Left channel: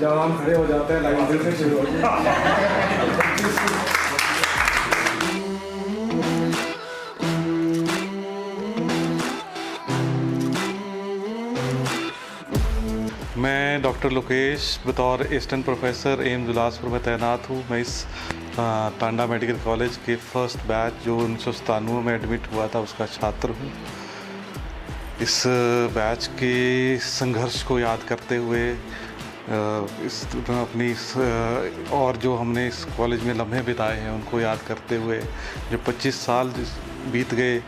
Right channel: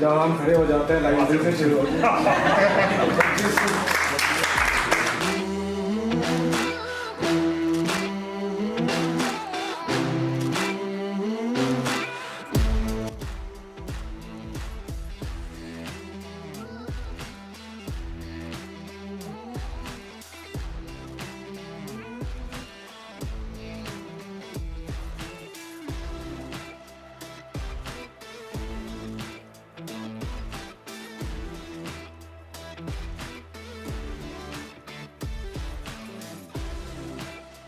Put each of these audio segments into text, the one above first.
जब हम खड़े हो जाते हैं लाइन फिर से शुरू होती है। मैं डॉक्टर लोकेश बतौर असिस्टेंट प्रोफेसर एम्स बिलासपुर में तैनात हूँ। मैं इस टांडा मेडिकल कॉलेज के फर्स्ट बैच जो 1997 में एडमिट हुआ था उसका छात्र हूँ। इस बैच के संघर्ष को याद करते हुए और जो हमने इस कॉलेज में लम्हे बिताए हैं उनको याद करते हुए, जो 25 साल बीत गए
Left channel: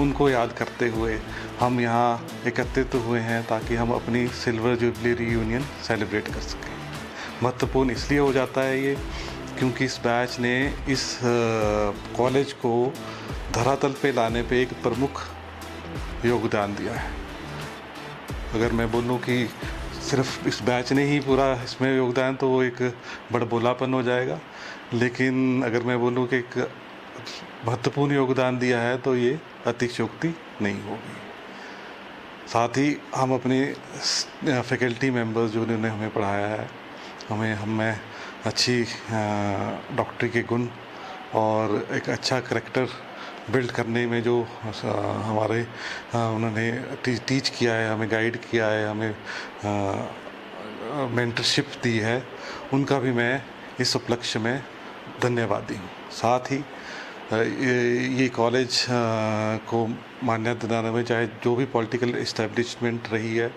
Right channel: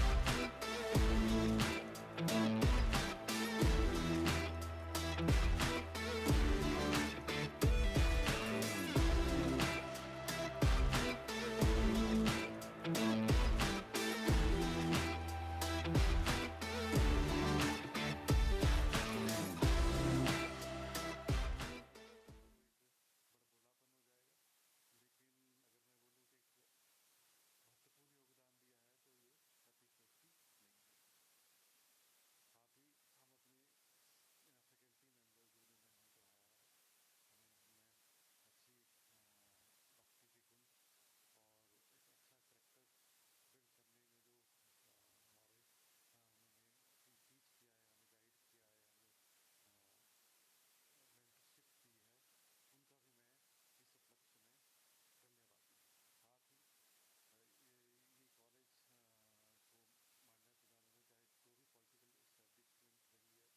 उनको याद करते हुए हम यहाँ एकत्रित हुए हैं ताकि हम अपनी सिल्वर जुबली रीयूनियन सेलिब्रेट कर सकें। महत्वपूर्ण इसलिए हो जाता है ये क्योंकि इस बैच ने इस कॉलेज को धरातल पे लाने पे एक प्रमुख योगदान दिया है। अगर मैं बोलूँ कि सिर्फ इस बैच ने ही पूरा इसमें योगदान तो वो एक बड़बोलापन हो जाएगा, लेकिन अगर मैं बोलूँ कि एक महत्वपूर्ण योगदान दिया है तो ये अतिशयोक्ति नहीं होगी। साथ ही हम अपने फैकल्टी मेंबर्स जो उन्होंने हमें पढ़ाया है, हमें अच्छी डॉक्टरी के गुण और एक अच्छा करैक्टर बिल्ड करने में जो हमारे उन्होंने टीच किया है, हमें गाइड किया है, हमें मेंटरशिप दी है, उनका भी मैं इस उपलक्ष्य में धन्यवादी हूँ। साथ ही ये कॉलेज को मान्यता दिलाने में चाहे जो भी पॉलिटिकल इस्टेब्लिशमेंट रही है,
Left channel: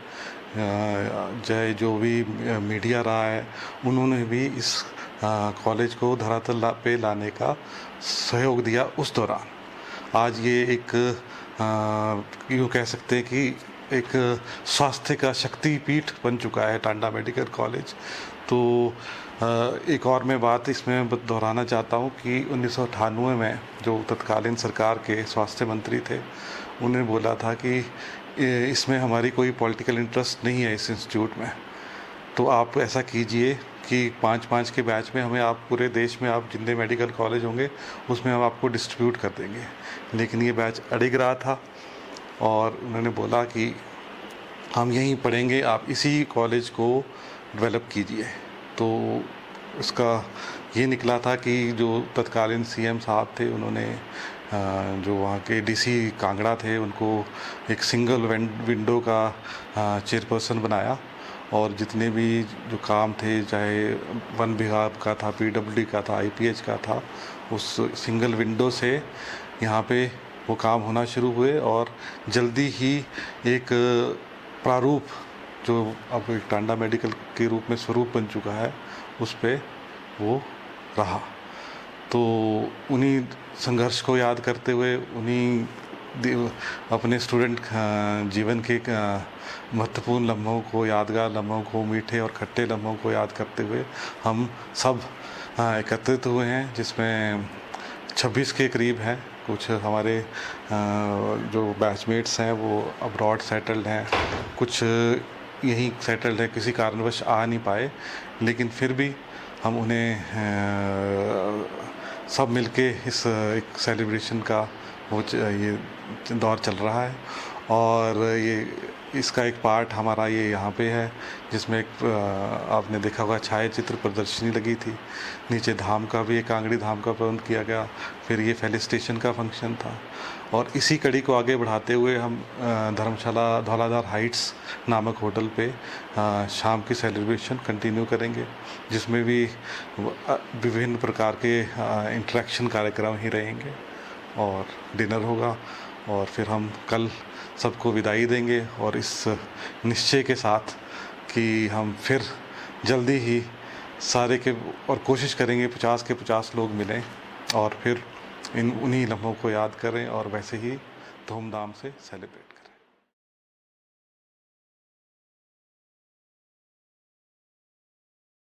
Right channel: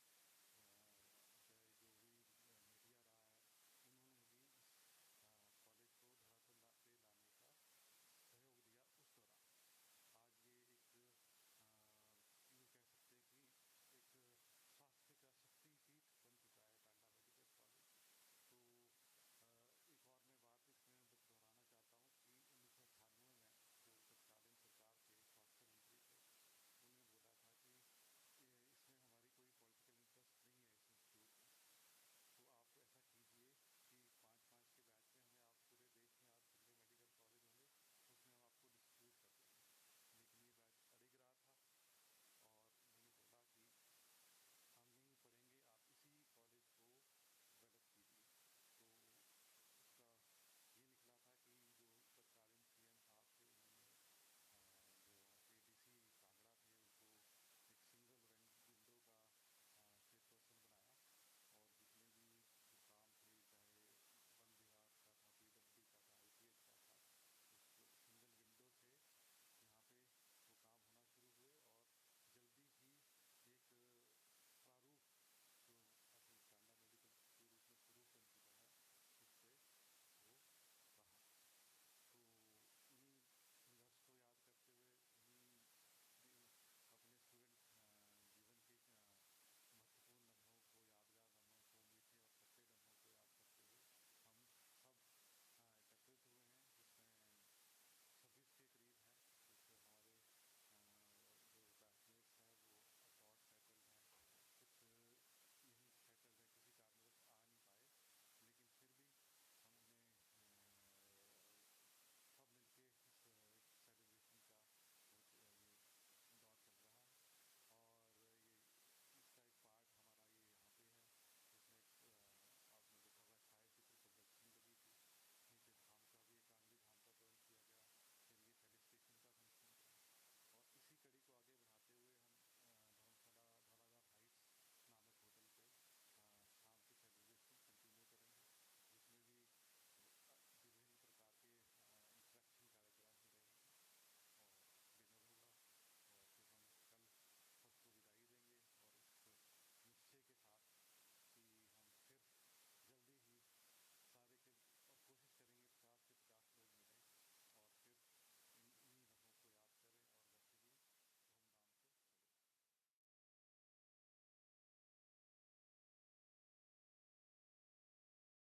चाहे जो भी मीडिया रहा है, उन्होंने भी इस कॉलेज को धरातल पे लाने का सहयोग दिया उस दौरान। आज ये एक यूँ कह सकते हैं कि एक स्वास्थ्य का शक्तिपीठ बन चुका है टांडा मेडिकल कॉलेज। तो एक और मैं बात इसमें दोहराना चाहता हूँ कि 1998 में जो तत्कालीन सरकार के स्वास्थ्य मंत्री थे, उन्होंने बोला था कि इसमें हमारी कोई पॉलिटिकल इंटरेस्ट नहीं है इस इंस्टीट्यूट में, तो आप ऐसा कीजिए कि 5-5 के बैच में हमें आप पूरे देश में आप जितने मेडिकल कॉलेज होंगे उसमें हम आपको डिस्ट्रीब्यूट कर देंगे। लेकिन ये बैच अड़िग रहा था और उन्होंने बोला कि हम यहीं पढ़ेंगे, आप इसी कॉलेज को डेवलप कीजिए। तो इसका ये निकला था कि जो तत्कालीन सीएम साहब थे, उन्होंने जो वहाँ के डीसी कांगड़ा थे उनको एक सिंगल विंडो का चेयरपर्सन बनाया और जितने भी जो काम थे, चाहे वन विभाग का था, पीडब्ल्यूडी का था, आईपीएच का था, उस सिंगल विंडो से यहाँ पे वो काम होना शुरू हुए और जल्दी ही एक प्रारूप जो अब एक टांडा मेडिकल के रूप में स्वरूप बन चुका है, उस पे वो रहा। तो उन्हीं संघर्ष को याद करते हुए, उन्हीं अपने स्टूडेंट जीवन के महत्वपूर्ण लम्हों को, यादगार लम्हों को, मीठे और खट्टे लम्हों को याद करते हुए हम सब एकत्रित हुए हैं, जिसमें 26 के करीब हैं। कुछ हमारे जो बैचमेट्स हैं वो अब्रॉड सेटल्ड हैं, कुछ यहीं सेटल्ड है, किसी कारणवश आ नहीं पाए, लेकिन फिर भी हम उन्हें सब मिलके इस एक सेलिब्रेशन का वो ये दौर चल रहा है। और ये इसका एक पार्ट हमारा ये यहाँ पे है, जिसमें एक आपने देखा होगा छायाचित्र प्रदर्शनी लगी थी, नीचे धाम का भी, एक कांगड़ी धाम का प्रबंध किया गया, फिर ये फेलिसिटेशन का फंक्शन था। और इसी कड़ी को आगे बढ़ाते हुए हम धर्मशाला धौलाधार हाइट्स नामक होटल पे शाम की सेलिब्रेशन कंटिन्यू करेंगे, जिसमें भी विभिन्न प्रकार के इंटरेक्शन कार्यक्रम ही रहेंगे और डिनर होगा। और फिर हम कल सबको विदाई देंगे और इस निश्चय के साथ कि हम फिर जल्दी ही सारे के और कोशिश करेंगे 50 के 50 लोग मिलें और फिर उन्हीं लम्हों को याद करें और वैसे ही धूमधाम से सेलिब्रेट करें।